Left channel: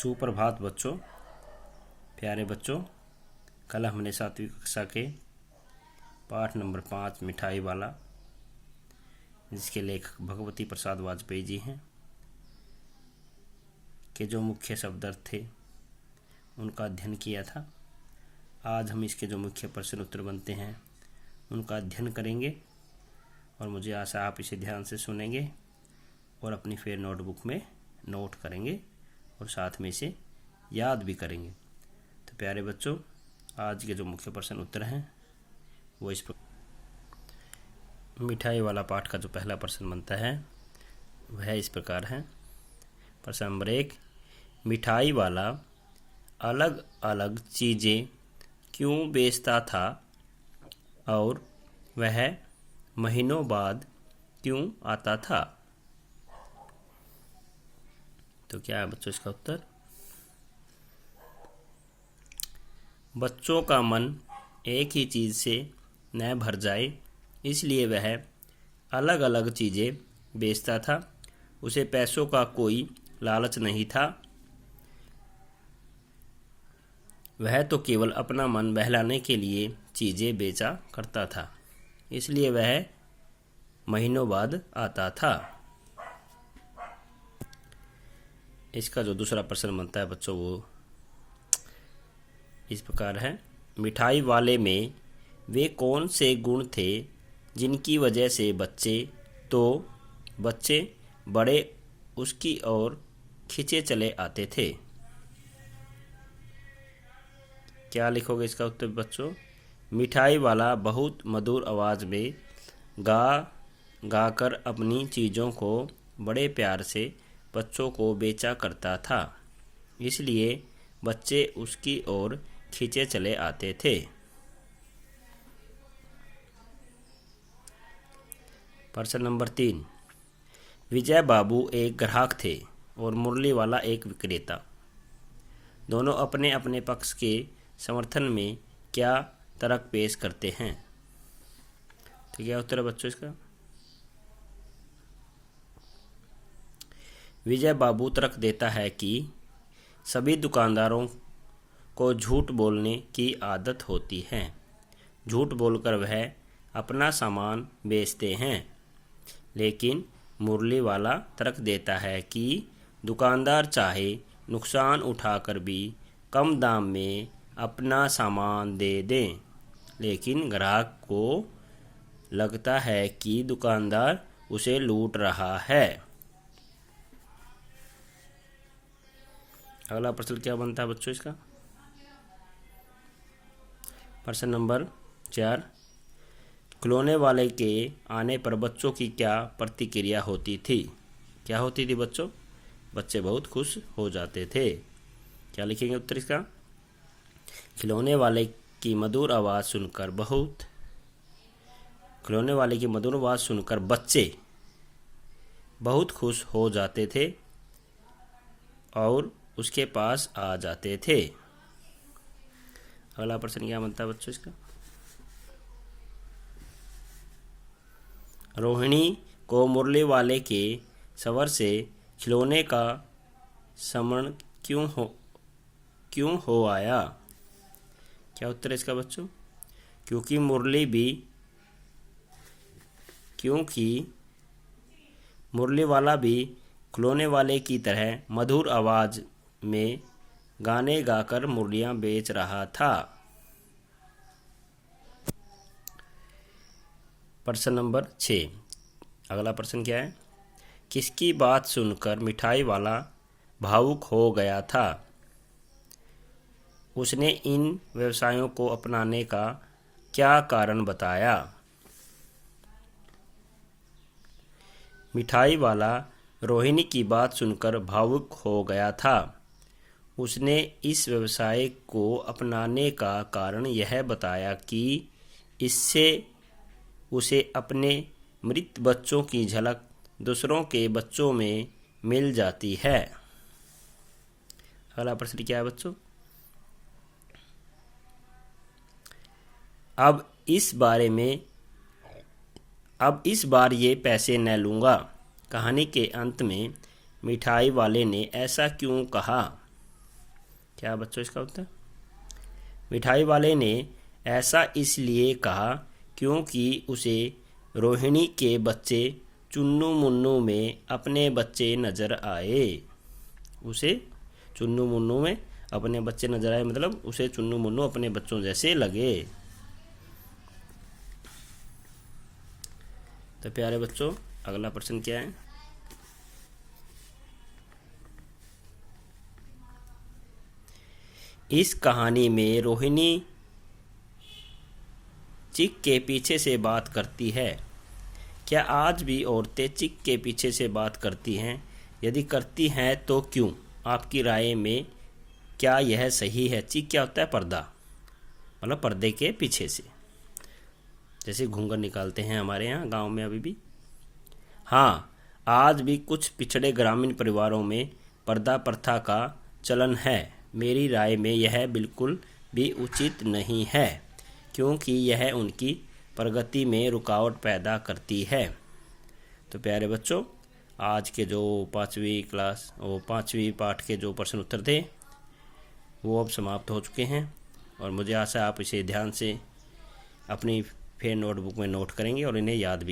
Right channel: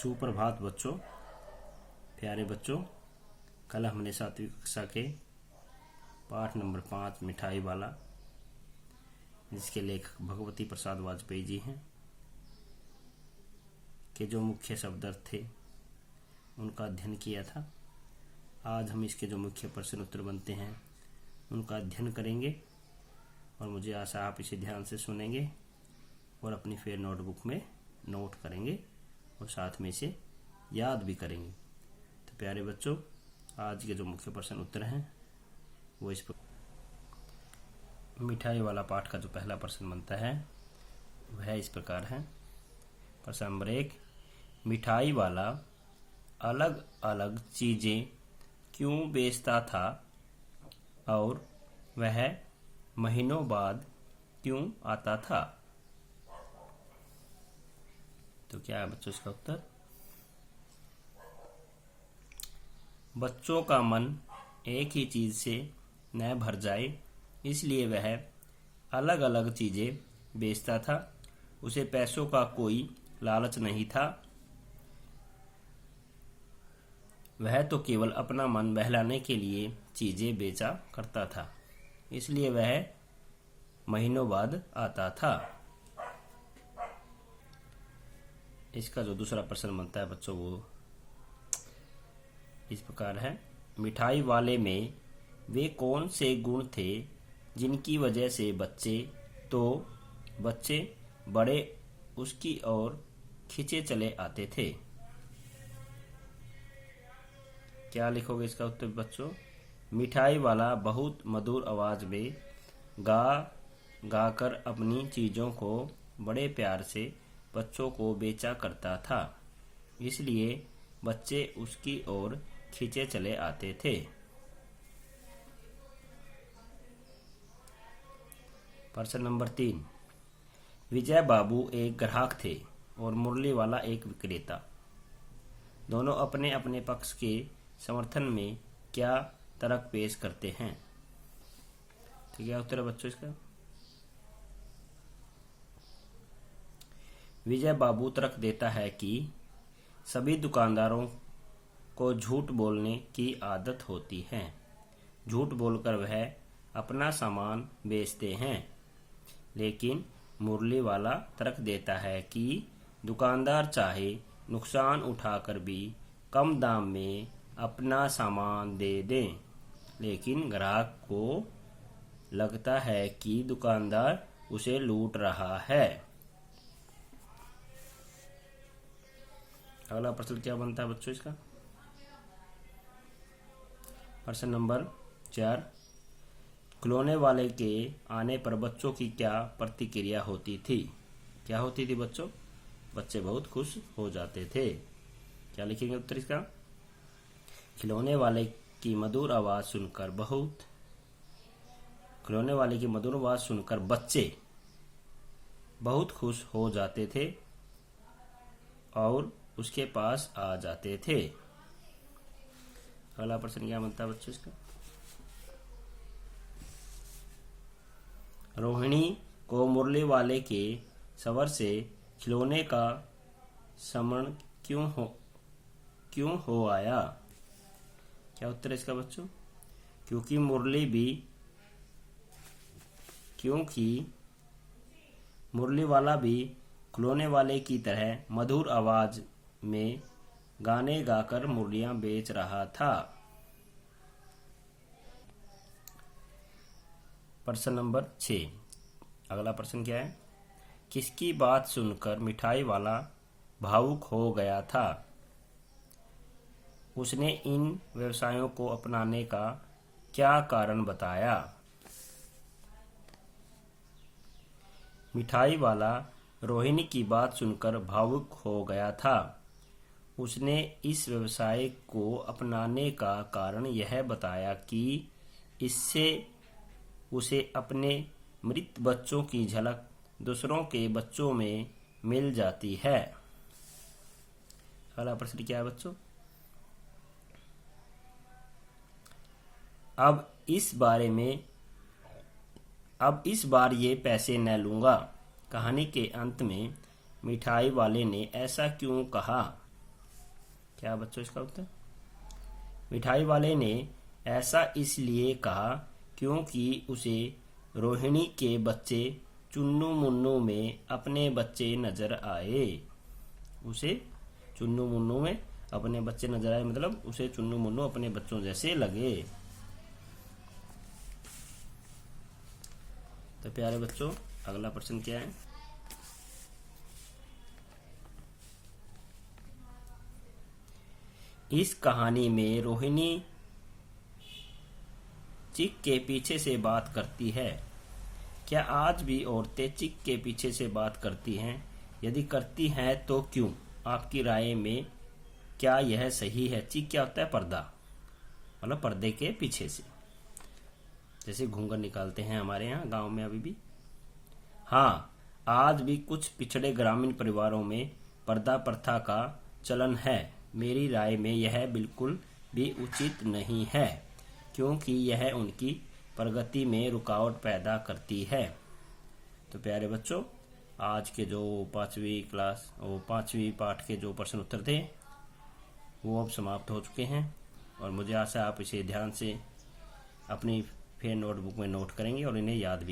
सुप्रभात बच्चों, प्यारे बच्चों। कल हमने 7वीं कक्षा के पाठ नंबर 5 मिठाई वाला, जिसके लेखक भगवती प्रसाद वाजपेयी जी हैं, के जो मुख्य शब्दार्थ थे उनका अध्ययन किया था। आज हम इसके जो मुख्य प्रश्न उत्तर बनते हैं उनका अध्ययन करेंगे और मुझे आशा आप इसे ध्यान से सुनेंगे और अपनी फिर नोटबुक में नोट करेंगे और साथ में इसे याद भी करेंगे। तो प्यारे बच्चों, आज के जो मुख्य प्रश्न उत्तर हैं वो इस मिठाई वाला पाठ का जो पहला प्रश्न बनता है वह इस प्रकार है। प्रश्न नंबर 1, मिठाई वाला अलग अलग चीज़ें क्यों बेचता था और वह महीनों बाद क्यों आता था? तो क्या है बच्चों इसका उत्तर? बच्चों का मन एक ही चीज़ से न भर जाए, इसलिए वह अलग अलग चीज़ें बेचता था। उसे पैसों का कोई लालच नहीं था। वह तो केवल अपना मन बहलाने के लिए चीज़ें बेचा करता था, इसलिए वह महीनों बाद आता था। इसका जो दूसरा प्रश्न बनता है बच्चों वो इस प्रकार है। मिठाई वाले में वे कौन से गुण थे जिनकी वजह से बच्चे बड़े उसकी ओर खींचे चले आते थे? क्या लिखोगे इसका उत्तर बच्चों? मिठाई वाला बहुत मधुर आवाज़ में गा कर अपनी चीज़ों को बड़े प्यार से बच्चों को बेचा करता था, इसलिए बच्चे उसकी ओर खींचे चले आते थे। प्रश्न नंबर 3, विजय बाबू एक ग्राहक थे और मुरली वाला एक विक्रेता। दोनों अपने अपने पक्ष के समर्थन में क्या तर्क पेश करते हैं? तो क्या उत्तर है बच्चों इसका? विजय बाबू तर्क देता है कि सभी दुकानदारों को झूठ बोलने की आदत होती है। झूठ बोलकर वह अपना सामान बेचते हैं। लेकिन मुरली वाला तर्क देता है कि दुकानदार चाहे नुकसान उठाकर भी कम दाम में अपना सामान दे दें, लेकिन ग्राहक को लगता है कि दुकानदार उसे लूट रहा है। अगला प्रश्न क्या बनता है बच्चों इसका? प्रश्न नंबर 4, खिलौने वाले के आने पर बच्चों की क्या प्रतिक्रिया होती थी? क्या होती थी बच्चों? बच्चे बहुत खुश हो जाते थे। क्या लिखेंगे उत्तर इसका? खिलौने वाले की मधुर आवाज़ सुनकर बच्चे बहुत खुश हो जाते थे और उसके पास आ जाते थे। अगला प्रश्न क्या बनता है बच्चों इसका? रोहिणी को मुरली वाले के सवर से खिलौने का समरण क्यों हो आया? क्या उत्तर है इसका बच्चों? क्योंकि मुरली वाला भी खिलौने वाले की तरह मधुर आवाज में गाने गाकर मुरलियां बेच रहा था। प्रश्न नंबर 6, अगला प्रश्न क्या है? किसकी बात सुनकर मिठाई वाला भावुक हो गया था? उसने इन व्यवसायों को अपनाने का क्या कारण बताया? मिठाई वाला रोहिणी की बात सुनकर भावुक हो गया था। उसने इस व्यवसाय को अपनाने का कारण यह बताया कि इससे उसे अपने मृत बच्चों की झलक दूसरों के बच्चों में मिल जाती है। अगला प्रश्न क्या है बच्चों? अब इस बार ये पैसे न लूँगा। कहानी के अंत में मिठाई वाले ने ऐसा क्यों कहा? क्या बच्चों इसका उत्तर? मिठाई वाले ने ऐसा इसलिए कहा क्योंकि उसे रोहिणी के बच्चे चुन्नू मुन्नू में अपने बच्चे नजर आए। उसे चुन्नू मुन्नू में अपने बच्चे नजर आए, मतलब उसे चुन्नू मुन्नू अपने बच्चों जैसे लगे। तो प्यारे बच्चों, अगला प्रश्न क्या है? इस कहानी में रोहिणी चिक के पीछे से बात करती है। क्या आज भी औरतें चिक के पीछे से बात करती हैं? यदि करती हैं तो क्यों? आपकी राय में क्या यह सही है? चिक क्या होता है? पर्दा, मतलब पर्दे के पीछे से, जैसे घूंघट निकालते हैं हमारे यहाँ गांव में अभी भी। हाँ, आज भी कुछ पिछड़े ग्रामीण परिवारों में पर्दा प्रथा का चलन है। मेरी राय में यह बिल्कुल भी उचित नहीं है, क्योंकि यह उनकी प्रगति में रुकावट पैदा करती है। तो प्यारे बच्चों, आज के जो पाँचवीं पाठ के जो प्रश्न उत्तर थे वो अब समाप्त हो चुके हैं, और मुझे आशा है आप इसे ध्यान से अपनी फिर नोटबुक में नोट करेंगे और इन्हें याद भी